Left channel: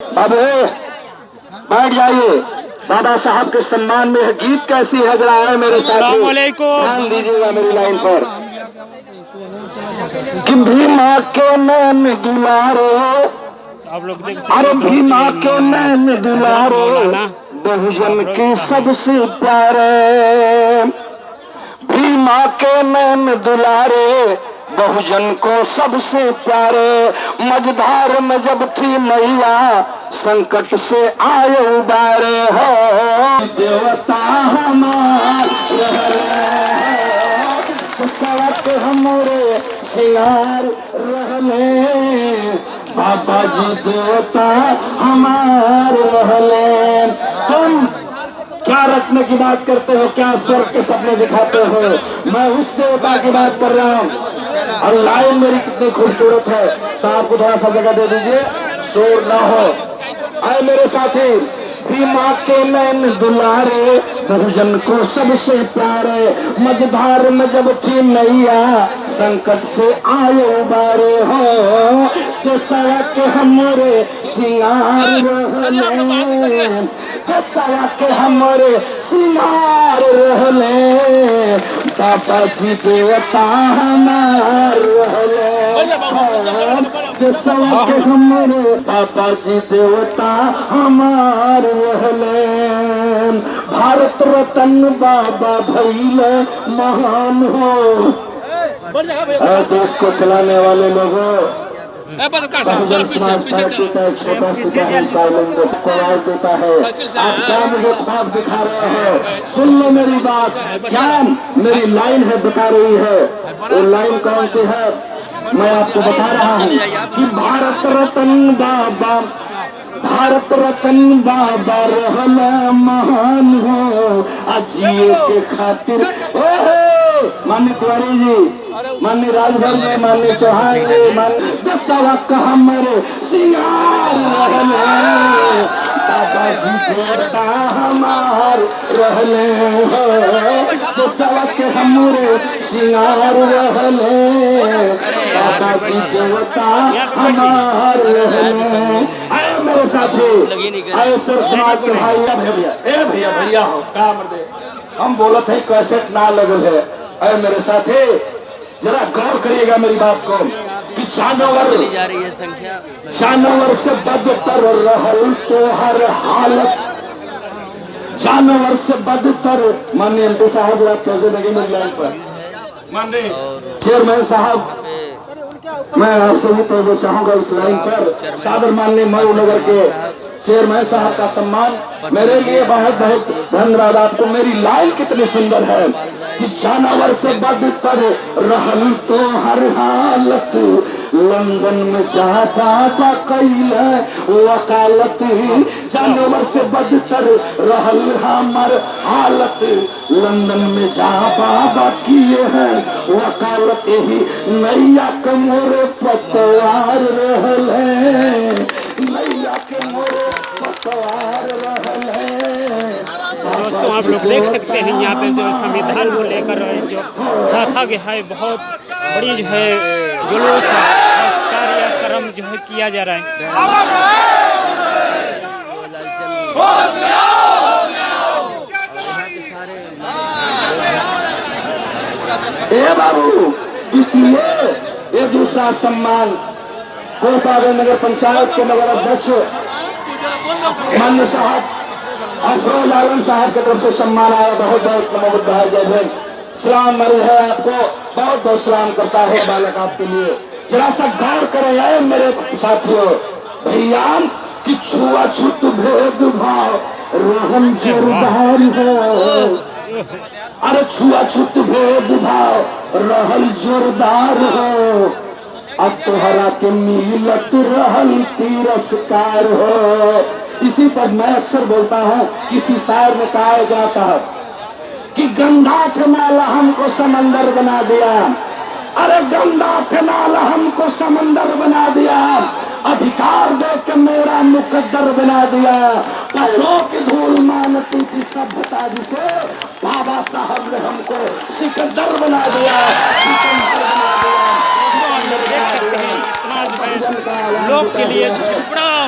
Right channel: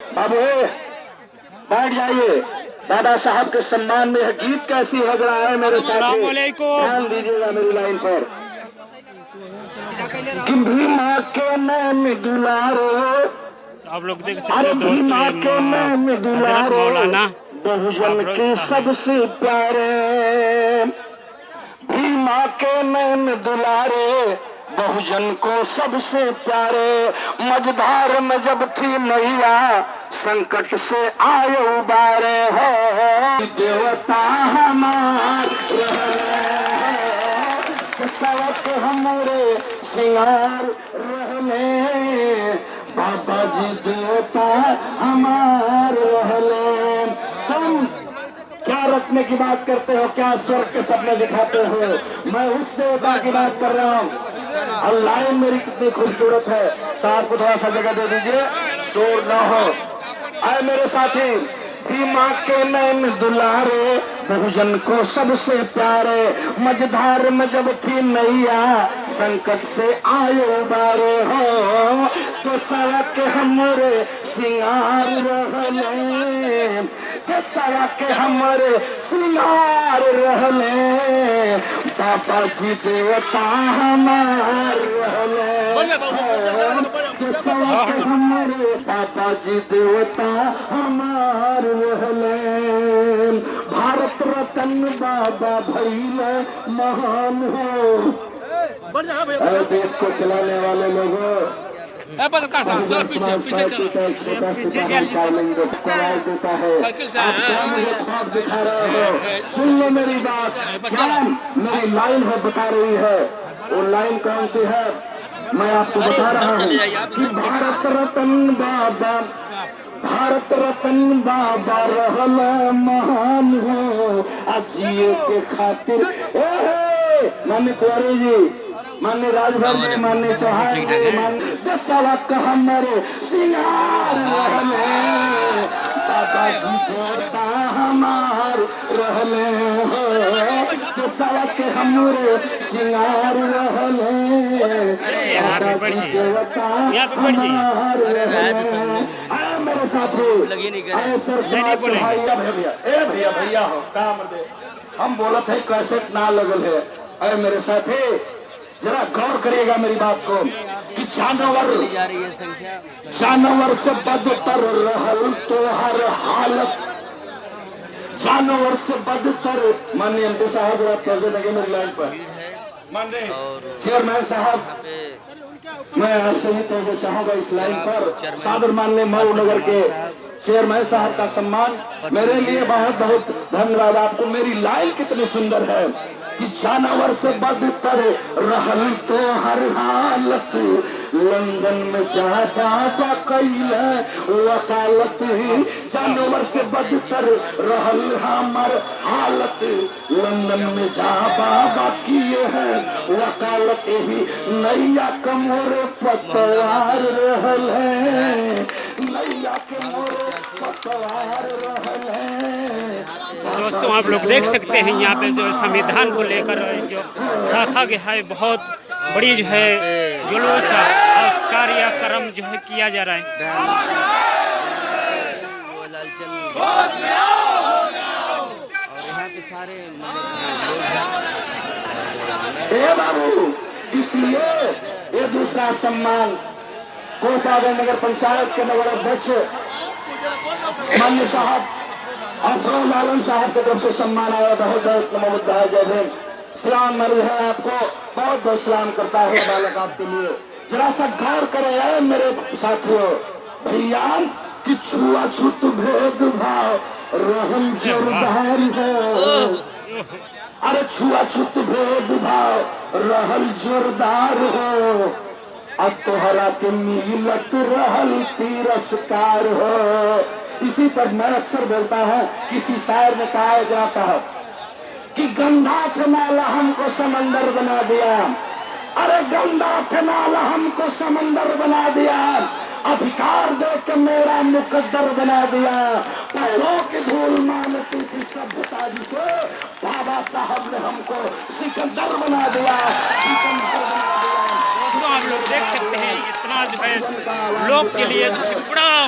अब बैठ जाइए। बाबा साहब के सम्मान में यह गीत कैसी है जरा है मेरे साथ, ध्यान दीजिएगा मेरी लाइन पर। कि भीमा के नैन दुलारो, आप लोग देख सकते अरे हैं भीमा के नैन दुलारो, मौलाना बहुजन के सबसे प्यारे। भीमा के नैन दुलारे, बहुजन को सबसे प्यारे। मझधार में जब थी मैया, संकट से आए उबारे हो। देवता हमार सवत हमरे सिंगार रहले, बाबा जी देवता हमार रहले। तुम क्या रखने की बात करते हो, क्या स्वर्ग के सपने दिखाते हो? मैं उस देवता की बात कर रहा हूँ। और लाइन मेरी कितनी खूबसूरत है। साहब को थोड़ा सा जगह दे दीजिए, शोर ना हो। आए मेरे साथी, भीमा के नैन दुलारे, बहुजन को सबसे प्यारे। मझधार में जब थी नैया, संकट से आए उबारे हो। तो सड़क के हमरे सिंगार रहले, तो सड़क के हमरे सिंगार रहले, बाबा जी देवता हमार रहले। तो सड़क के हमरे बाबा जी देवता हमार रहले। भारत रत्न बाबा भैले महान हो। देश को चलाने वाले लोगों, बहुजन समाज पार्टी का एक छोटा सा आवाज देता है। आप क्या मुझे ख्वाब दिखा रहे हो? सुन लो मेरी बात, ध्यान, मेरी लाइन है बता रही है। वो लाइन कौन सी है मैं आपको बता रहा हूँ कि भारत रत्न बाबा, भारत रत्न बाबा रहले महान हो। अजिए के खातिर मान्य कुंवरी जी, मान्य राजभर जी, मान्य चौहान जी, मान्य दसवा का हमारे सिंगार रहले, बाबा जी देवता हमार रहले। दसवा के हमारे सिंगार रहले, बाबा जी देवता हमार रहले। मेरे साथी ऐसे समाज के भाई भैया, ए भैया भैया हो का मर्दे, हम बोलत है कैसे ना लगल है। अरे मेरे साथी जरा गौर करिएगा मेरी बात को कि जानवर से बदतर रहल तो हर हालत, जानवर से बदतर। माननीय एमपी साहब आप कैसे लगे मेरी लाइन पर? माननीय चेयरमैन साहब, मैं आपसे भी तो चाहूंगा इस लाइन पर। सादर माननीय मऊ नगर के चेयरमैन साहब का सम्मान मेरे लिए बहुत बहुत धन्यवाद आपको। मेरी लाइन कितनी सुंदर है कि जानवर से बदतर रहल तो हर हालत, लंदन में जा पापा कैले वकालत। जानवर से बदतर रहल हमार हालत, लंदन में जा बाबा किए हैं वकालत। ही नैया के मोरे पतवार रहल है, नैया के मोरे पतवार रहल है। दोस्तों आप लोग देख सकते हैं यहाँ पे जो संविधान को लेकर जो रखा गया है, बहुत बड़ी जो है जुलूस कार्यक्रम जो है किया जा रहा है। ए बाबू, इसलिए ये दूसरा सम्मान कोपागढ़ नगर पंचायत के नगर अध्यक्ष मान्य साहब अफरोज आलम साहब की तरफ से सम्मान आया। बहुत बहुत नमोद है, जय हिंद, सलाम मरी है आपको, बहुत बहुत सलाम करता है बालक आपके लिए। जरा सा गौर करें आए मेरे साथियों भैया कि छुआछूत भेदभाव रोहन जोरदार है। अरे छुआछूत भेदभाव रहल जोरदार हो, अब तोहरा के मिलत रहल तिरस्कार हो। इसी पर मैं अक्सर बोलता हूँ, किसी शायर ने कहा है जनाब साहब कि गंगा के नाला हमको समंदर बना दिया। अरे गंगा के नाला हमको समंदर बना दिया, अधिकार देकर मेरा मुकद्दर बना दिया। पैरों की धूल मानती थी सभ्यता जिसे, बाबा साहब ने हमको सिकंदर बना दिया, सिकंदर बना दिया। दोस्तों आप लोग देख सकते हैं इतना जो है लोग के लिए जो है बड़ा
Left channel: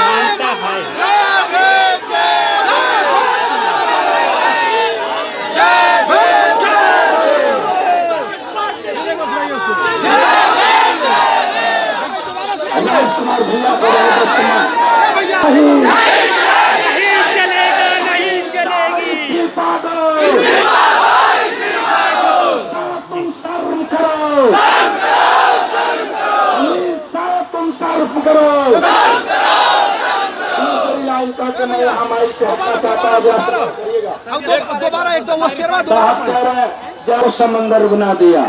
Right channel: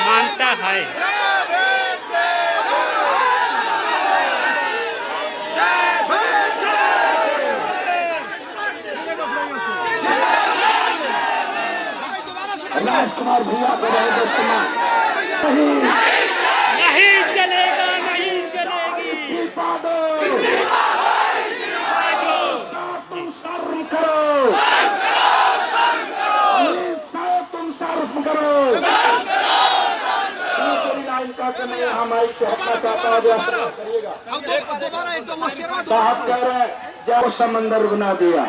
मानता है। भैया को नहीं चलेगा, नहीं चलेगी। तुम शर्म करो, तुम शर्म करो। दूसरी लाइन का तो मैं हमारी से साहब कह रहे हैं जब समंदर बना दिया,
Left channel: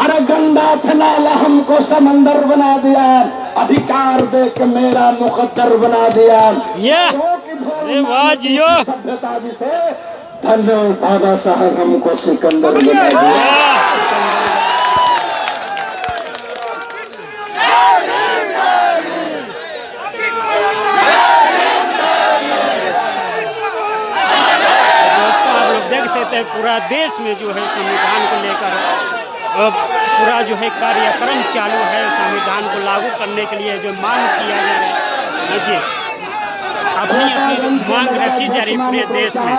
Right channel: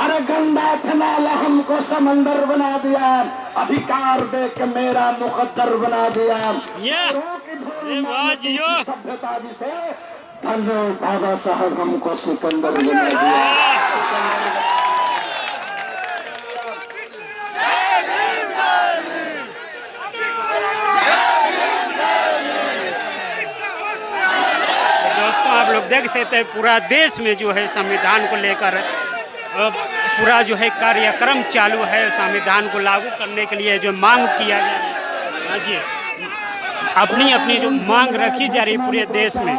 अरे गंदा थनाला हमको समंदर बना दिया, अधिकार दे के मेरा मुकद्दर बना दिया। सभ्यता जिसे धन्य बाबा साहब हमको सिकंदर बना दिया। दोस्तों आप लोग देख सकते हैं पूरा देश में जो है संविधान को लेकर पूरा जो है कार्यक्रम चालू है। संविधान को लागू करने के लिए जो मांग किया जा रहा है, हाँ जी, अपनी अपनी जो मांग रखी जा रही पूरे देश में।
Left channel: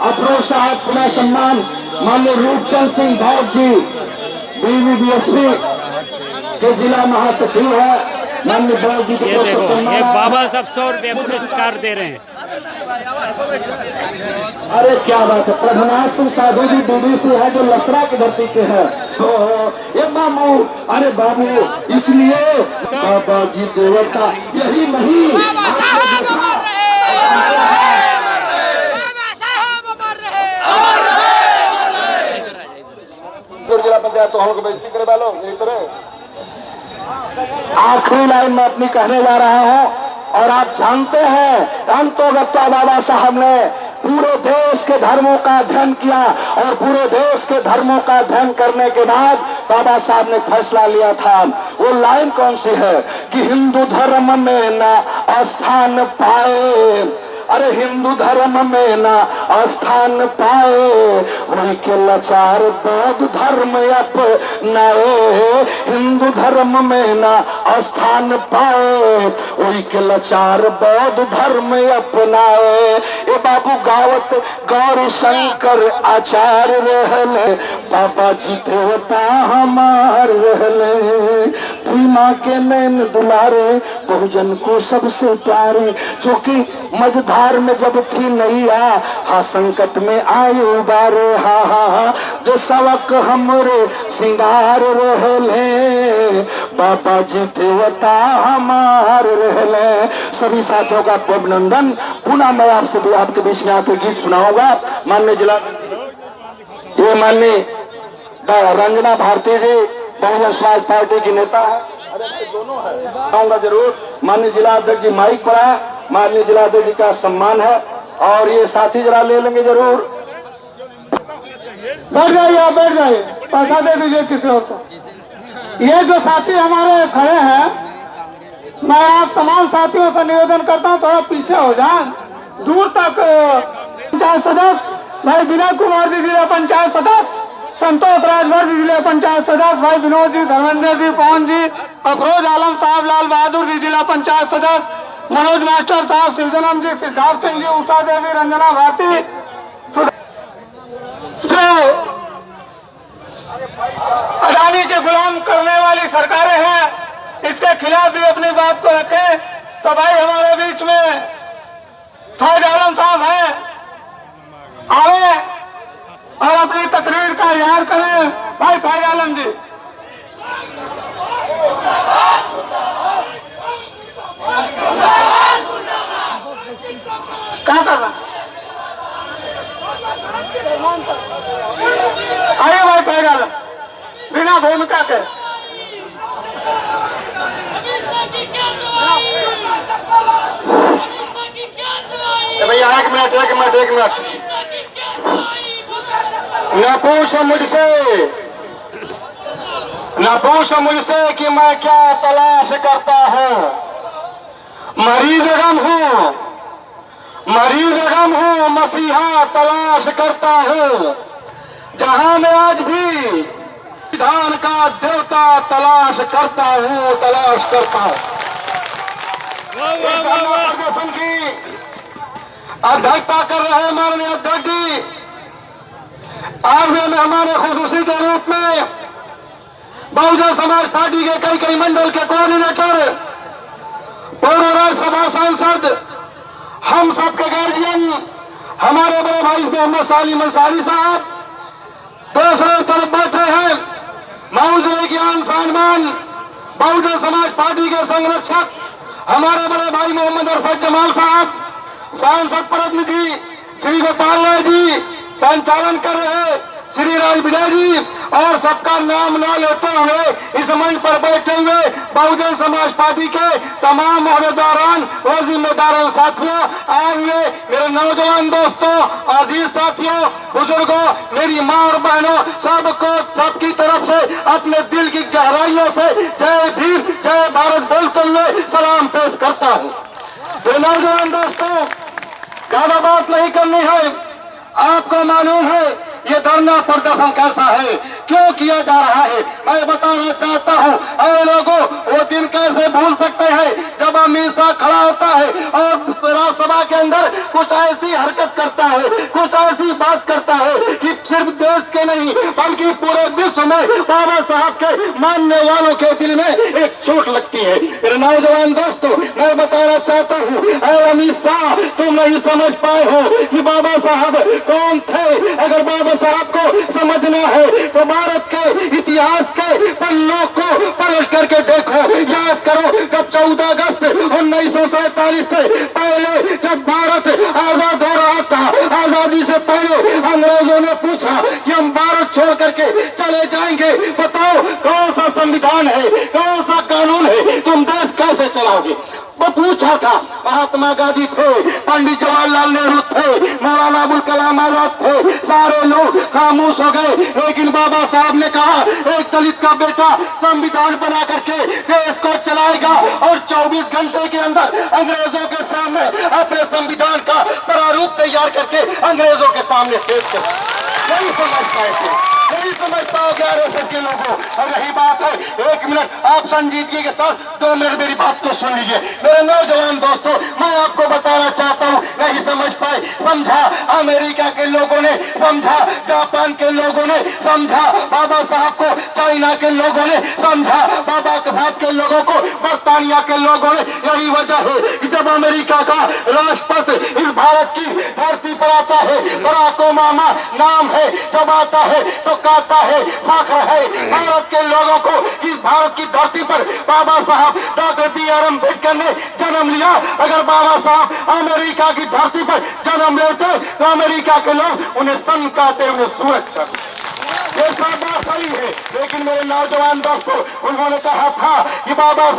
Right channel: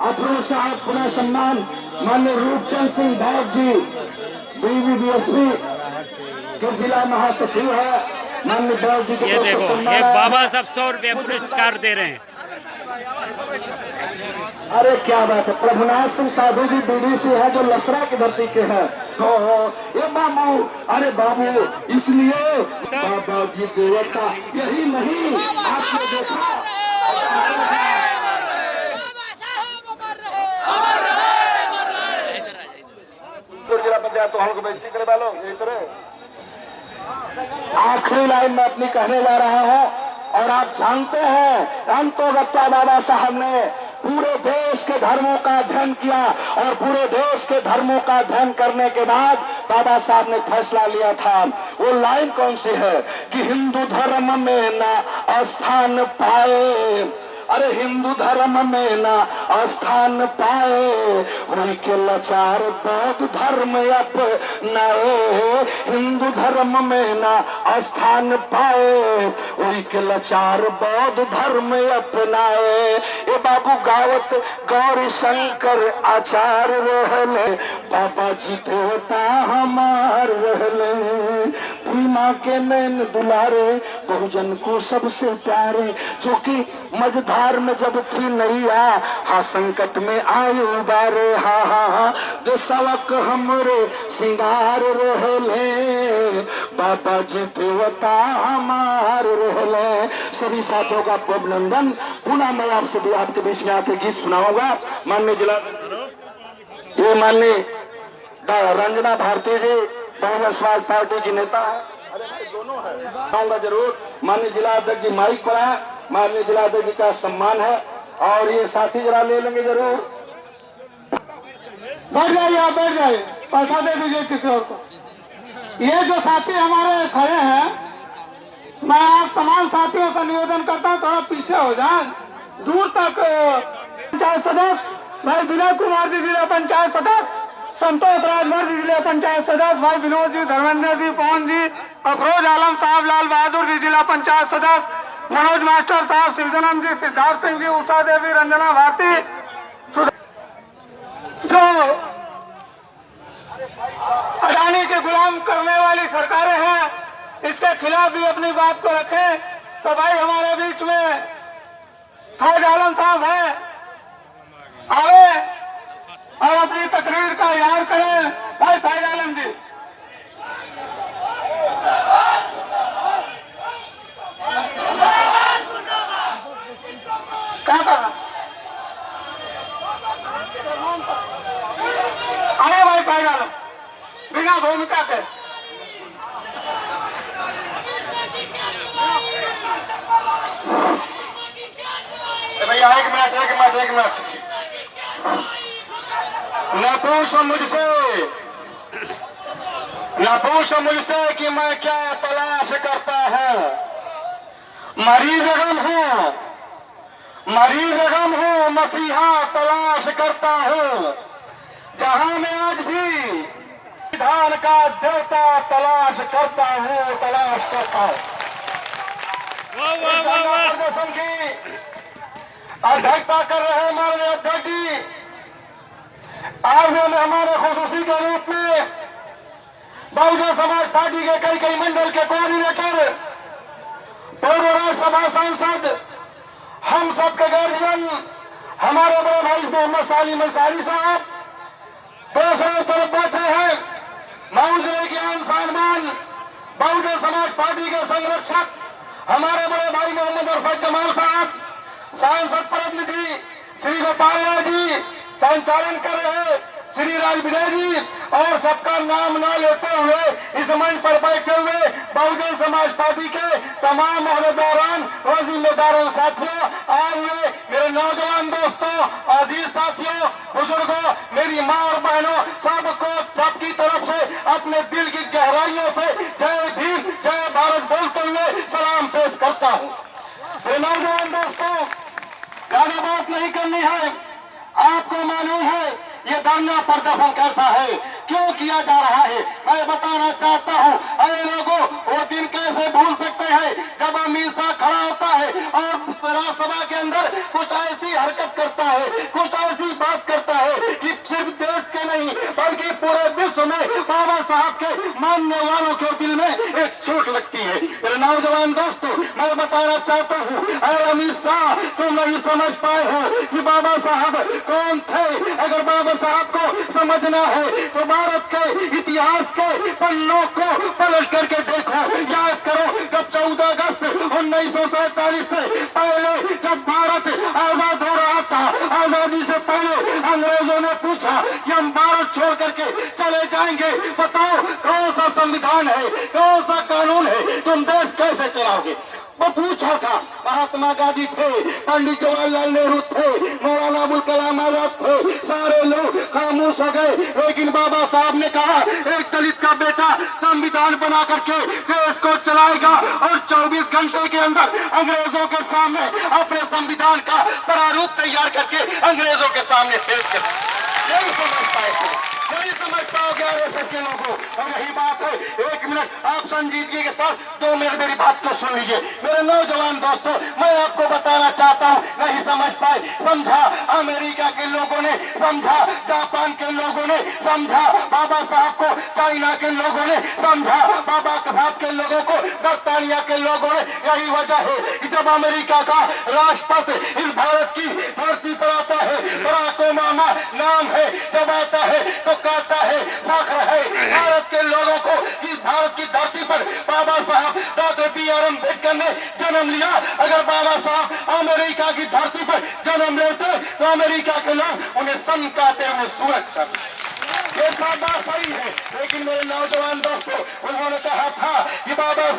अफरोज साहब पुनः सम्मान माननीय रूपचंद सिंह भौत जी BBBSP के जिला महासचिव है, माननीय भौत जी। ये देखो ये बाबा साहब 100 रुपये पुरस्कार दे रहे हैं। अरे क्या बात है, प्रभुनाथ सिंह साधु जी BBC है जो लसरा की धरती के हैं। ये बाबू, अरे बाबू, इसलिए बाबा जी देवता यही नहीं, बाबा साहब अमर रहे, बाबा साहब अमर रहे। जिला पंचायत तो हमको बेइज्जती करे वालों इस तरह। आखिरी लाइन में अपनी कहने जा रहा हूँ, और आप जानते हैं अंतोगत्ता बाबा साहब ने पूरे देश के धर्मों का अध्ययन किया, और पूरे देश के धर्मों का अध्ययन करने के बाद बाबा साहब ने फैसला लिया था। वो लाइन कौन सी है कि हिंदू धर्म में न स्थान पाए, अरे हिंदू धर्म में ना स्थान पाए, वही के लाचार बौद्ध धर्म अपनाए। हिंदू धर्म में ना स्थान पाए, वही के लाचार बौद्ध धर्म अपनाए। ये बाबू गावत गौरी शंकर आचार्य रहले, बाबा जी देवता हमार रहले। भीमा के नैन दुलारे, बहुजन को सबसे प्यारे, जो कि मझधार में जब थी नैया, हाँ संकट में आयो बारे। हाँ हाँ हाँ देशवक हमरे सिंगार रहले, बाबा जी देवता हमार रहले। सभी साथियों का अभिनंदन। पुनः मैं आपसे आपके बीच में आके गीत सुनाऊंगा। माननीय जिला ये माननीय रंजना भारती जी बहुजन समाज पार्टी की नेता है। अरे भाई दोनों है, आऊंगा जरूर। माननीय जिला अध्यक्ष जी माइक पर है, माननीय जिला अध्यक्ष जी का सम्मान है, और ये साथी जरा ले लेंगे जरूर। बैठ जाइए, आप बैठ जाइए, पैसा दे दीजिए किसी और को। ये जो साथी हमारे खड़े हैं, मैं आप तमाम साथियों से निवेदन करता हूँ थोड़ा पीछे हो जाए, दूर तक। पंचायत सदस्य भाई विनय कुमार जी जिला पंचायत सदस्य, संतोष राजभर जी जिला पंचायत सदस्य, भाई विनोद जी, धर्मेंद्र जी, पवन जी, अफरोज आलम साहब, लाल बहादुर जी जिला पंचायत सदस्य, मनोज मास्टर साहब, सिरजनम जी, सिद्धार्थ सिंह जी, उषा देवी, रंजना भारती। जो अडानी के गुलाम करने वाली सरकारें हैं, इसके खिलाफ भी अपनी बात को रखें। तो भाई हमारे बीच में फैज आलम साहब हैं, आए और अपनी तकरीर का इजहार करें। भाई फैज आलम जी। क्या कर रहा? आइए भाई फैज आलम, बिना भूमिका के। भैया एक मिनट। न पूछो मुझसे कि मैं क्या तलाश करता हूँ। मरीज गम हूँ, मसीहा तलाश करता हूँ। जहाँ मैं आज भी संविधान का देवता तलाश करता हूँ, तलाश करता हूँ। वाह वाह वाह वाह। प्रदर्शन की अध्यक्षता कर रहे हैं माननीय अध्यक्ष जी। आज भी मेहमान खुशूसी के रूप में बहुजन समाज पार्टी के कई मंडल के कोऑर्डिनेटर, पूर्व राज्यसभा सांसद, हम सबके गार्जियन, हमारे बड़े भाई मोहम्मद सालिम अंसारी साहब दूसरी तरफ बैठे हैं। मौजूद ज्ञान सम्मान बहुजन समाज पार्टी के संरक्षक हमारे बड़े भाई मोहम्मद अरफत जमाल साहब, सांसद प्रतिनिधि श्री गोपाल लाल जी, संचालन कर रहे श्री राज विजय जी, और सबका नाम न लेते हुए इस मंच पर बैठे हुए बहुजन समाज पार्टी के तमाम ओहदेदारान व जिम्मेदार साथियों, आए हुए मेरे नौजवान दोस्तों, अजीज साथियों, बुजुर्गों, मेरी माँ और बहनों, सबको सबकी तरफ से अपने दिल की गहराइयों से जय भीम जय भारत बोलते हुए सलाम पेश करता हूँ। मेरे नौजवान दोस्तों, ज्यादा बात नहीं करनी है। आपको मालूम है ये धरना प्रदर्शन कैसा है, क्यों किया जा रहा है। मैं बताना चाहता हूँ, अरे लोगों, वो दिन कैसे भूल सकते हैं जब अमित शाह खड़ा होता है और राज्यसभा के अंदर कुछ ऐसी हरकत करता है, कुछ ऐसी बात करता है कि सिर्फ देश के नहीं बल्कि पूरे विश्व में बाबा साहब के मानने वालों के दिल में एक चोट लगती है। मेरे नौजवान दोस्तों, मैं बताना चाहता हूँ, अरे अमित शाह, तुम नहीं समझ पाए हो कि बाबा साहब कौन थे। अगर बाबा साहब को समझना है तो भारत के इतिहास के पन्नों को पलट करके देखो। याद करो जब 14 अगस्त 1947 से पहले जब भारत आजाद हो रहा था, आजादी से पहले अंग्रेजों ने पूछा कि हम भारत छोड़ करके चले जाएंगे, बताओ कौन सा संविधान है, कौन सा कानून है, तुम देश कैसे चलाओगे। वो पूछा था। महात्मा गांधी थे, पंडित जवाहरलाल नेहरू थे, मौलाना अबुल कलाम आजाद थे, सारे लोग खामोश हो गए। लेकिन बाबा साहब ने कहा एक दलित का बेटा संविधान बना करके देश को चलाएगा और 24 घंटे के अंदर अंग्रेजों के सामने अपने संविधान का प्रारूप तैयार करके अंग्रेजों के सामने पेश कर। नहीं समझ पाए थे, नहीं समझ पाओगे आरएसएस के लोगों। और यही बात है, एक मिनट आप संजीदगी के साथ 2 मिनट मेरी बात को सुन लीजिए। मेरे नौजवान दोस्तों, मैं आपको बताना चाहता हूँ, नहीं समझ पाए, समझा अमेरिका के लोगों ने, समझा जापान के लोगों ने, समझा बाबा साहब को चाइना के लोगों ने, समझा बाबा साहब के लोगों को बर्तानिया के लोगों ने। यही वजह है कि जब अमेरिका का राष्ट्रपति इस भारत की धरती पर आता है, बराक ओबामा नाम है, जब आता है तो कहता है, फख्र है भारत के लोगों को कि भारत की धरती पर बाबा साहब डॉक्टर बी.आर. अम्बेडकर ने जन्म लिया। अगर बाबा साहब अमेरिका की धरती पर जन्म लेते तो अमेरिका के लोग उन्हें सन कहते, उन्हें सूरज कहते। ये सब बात सही है, लेकिन मेरे नौजवान दोस्तों, उन्होंने कहा था कि बाबा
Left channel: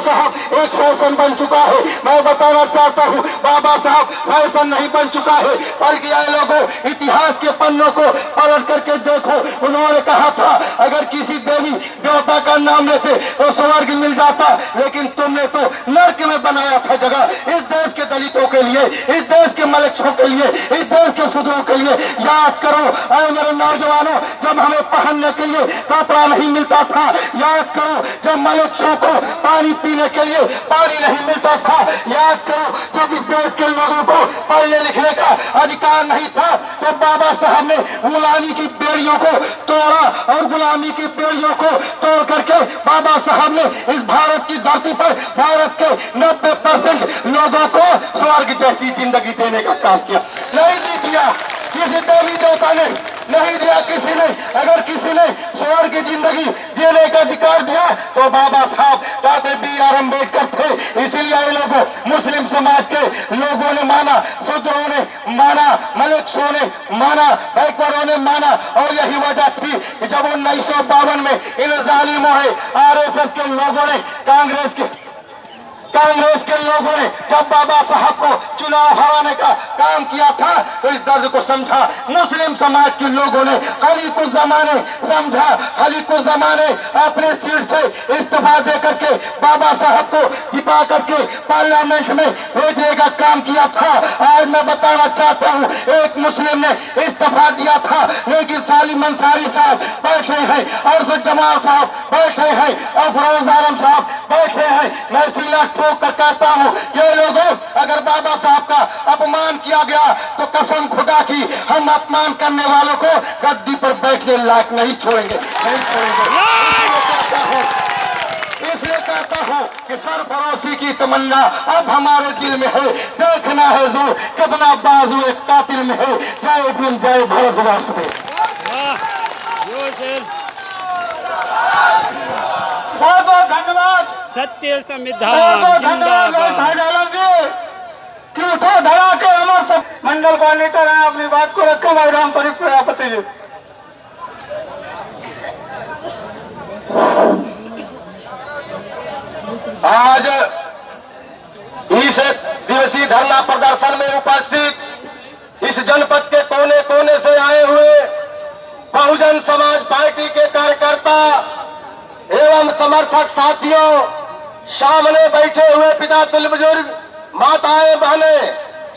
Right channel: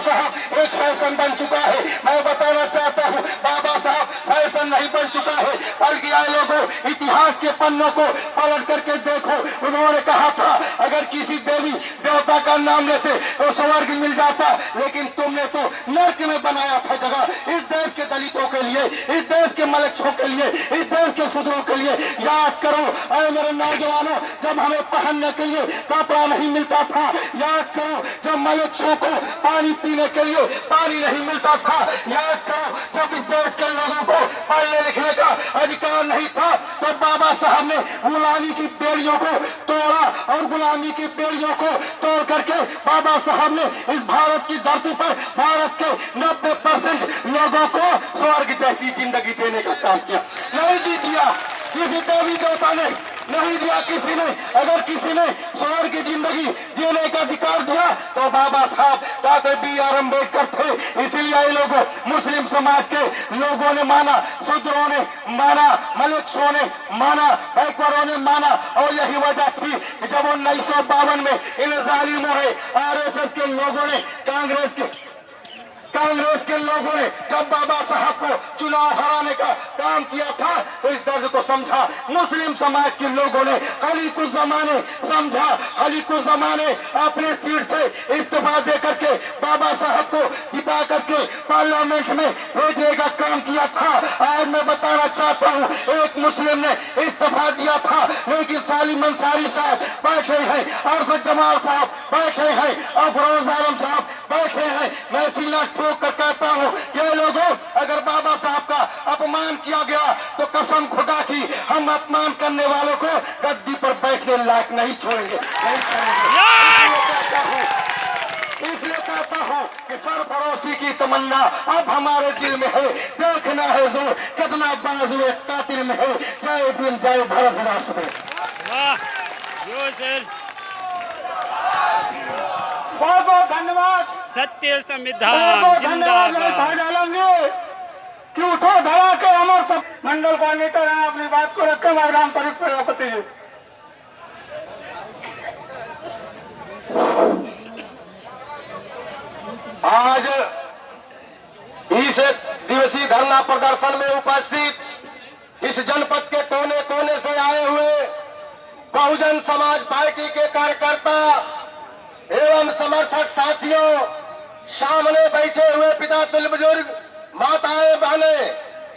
साहब एक फैशन बन चुका है। मैं बताना चाहता हूँ, बाबा साहब फैशन नहीं बन चुका है, बल्कि आए लोगों इतिहास के पन्नों को पलट करके देखो। उन्होंने कहा था अगर किसी देवी देवता का नाम लेते तो स्वर्ग मिल जाता, लेकिन तुमने तो नर्क में बनाया था जगह इस देश के दलितों के लिए, इस देश के मलक्षों के लिए, इस देश के शूद्रों के लिए। याद करो मेरे नौजवानों, जब हमें पहनने के लिए कपड़ा नहीं मिलता था, याद करो जब मलक्षों को पानी पीने के लिए पानी नहीं मिलता था, याद करो जब इस देश के लोगों को पढ़ने लिखने का अधिकार नहीं था, तो बाबा साहब ने गुलामी की बेड़ियों को तोड़ा और गुलामी की बेड़ियों को तोड़ करके बाबा साहब ने इस भारत की धरती पर भारत के 90% लोगों को स्वर्ग जैसी जिंदगी देने का काम किया। नहीं दी दिया किसी देवी देवता ने, नहीं दिया किसी ने। अगर किसी ने स्वर्ग की जिंदगी जीने का अधिकार दिया तो बाबा साहब डॉक्टर बी.आर. अम्बेडकर थे। इसीलिए लोगों मुस्लिम समाज के लोगों ने माना, शूद्रों ने माना, मलक्षों ने माना, बैकवर्डों ने माना। और यही वजह थी कि जब 1952 में इन जालिमों ने, आरएसएस के लोगों ने, कांग्रेस के कांग्रेस के लोगों ने जब बाबा साहब को चुनाव हराने का काम किया था तो इस दर्द को समझा। मुस्लिम समाज के लोगों ने खाली कुछ जमाने समझा, खाली कुछ जमाने अपने सीट से इस्तीफा दे करके बाबा साहब को जिता करके पार्लियामेंट में भेजने का काम किया था। आज मैं बताना चाहता हूँ, एक मुस्लिम ने इस्तीफा दिया था, लेकिन सालिम अंसारी साहब बैठे हैं, अरशद जमाल साहब बैठे हैं, अफरोज आलम साहब बैठे हैं। मैं सीना ठोक कर कहता हूँ, ये लोगों अगर बाबा साहब का अपमान किया गया तो कसम खुदा की हम अपमान करने वालों को गद्दी पर बैठने लायक नहीं छोड़ेंगे, नहीं छोड़ेंगे। इसलिए कहता हूँ कि सरफरोशी की तमन्ना अब हमारे दिल में है, देखना है जो कितना बाजू एक कातिल में है। जय भीम, जय भारत। बहुत बहुत धन्यवाद। सत्य संविधान जिंदाबाद। कि उठो धरा के अमर सब मंडल कोऑर्डिनेटर हैं, अपनी बात को रखे। भाई राम शरीफ प्रजापति जी। आज इस दिवसीय धरना प्रदर्शन में उपस्थित इस जनपद के कोने कोने से आए हुए बहुजन समाज पार्टी के कार्यकर्ता एवं समर्थक साथियों, सामने बैठे हुए पिता तुल्य बुजुर्ग, माताएं बहने,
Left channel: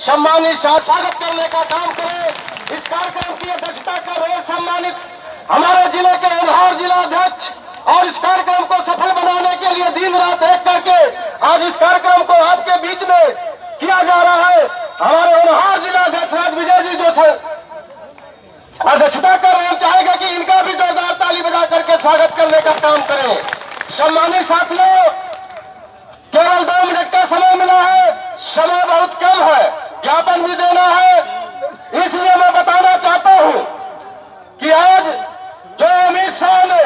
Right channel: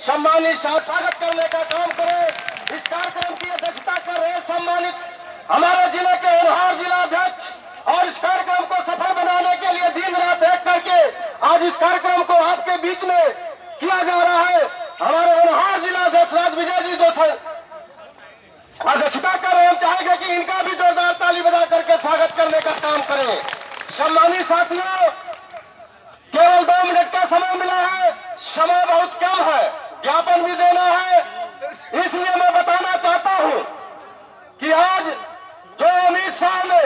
सम्मानित स्वागत करने का काम करें। इस कार्यक्रम की अध्यक्षता कर रहे सम्मानित हमारे जिले के होनहार जिला अध्यक्ष, और इस कार्यक्रम को सफल बनाने के लिए दिन रात एक करके आज इस कार्यक्रम को आपके बीच में किया जा रहा है। हमारे होनहार जिला अध्यक्ष राजविजय जी जो अध्यक्षता कर रहे हैं, चाहेंगे कि इनका भी जोरदार ताली बजा करके स्वागत करने का काम करें। सम्मानित साथियों, केवल 2 मिनट का समय मिला है, समय बहुत कम है, ज्ञापन भी देना है। इसलिए मैं बताना चाहता हूं कि आज जो अमित शाह ने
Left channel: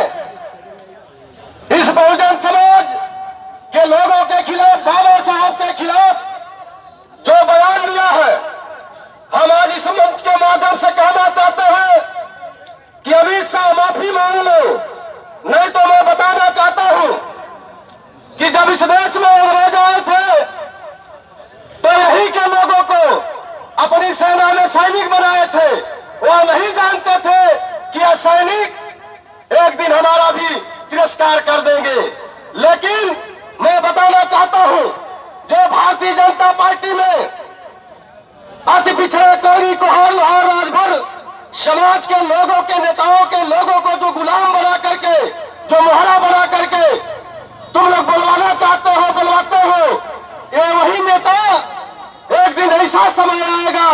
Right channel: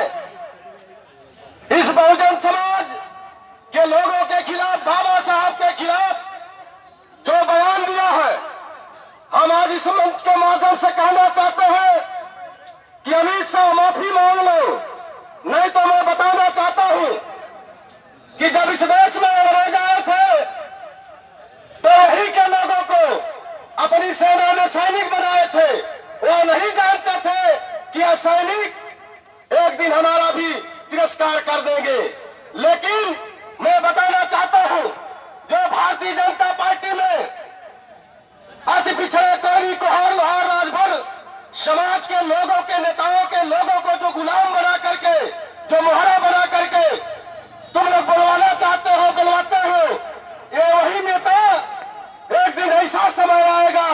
इस बहुजन समाज के लोगों के खिलाफ, बाबा साहब के खिलाफ जो बयान दिया है, हम आज इस मंच के माध्यम से कहना चाहते हैं कि अमित शाह माफी मांग लो। नहीं तो मैं बताना चाहता हूं कि जब इस देश में अंग्रेज आए थे तो यही के लोगों को अपनी सेना में सैनिक बनाए थे। वो नहीं जानते थे कि यह सैनिक एक दिन हमारा भी तिरस्कार कर देंगे। लेकिन मैं बताना चाहता हूं, जो भारतीय जनता पार्टी में अति पिछड़े कोरी कोहारू और राजभर समाज के लोगों के नेताओं के लोगों को जो गुलाम बना करके, जो मोहरा बना करके तुम लोग बुलवाना चाहते हो, बुलवाते हो, ये वही नेता एक दिन ऐसा समय आएगा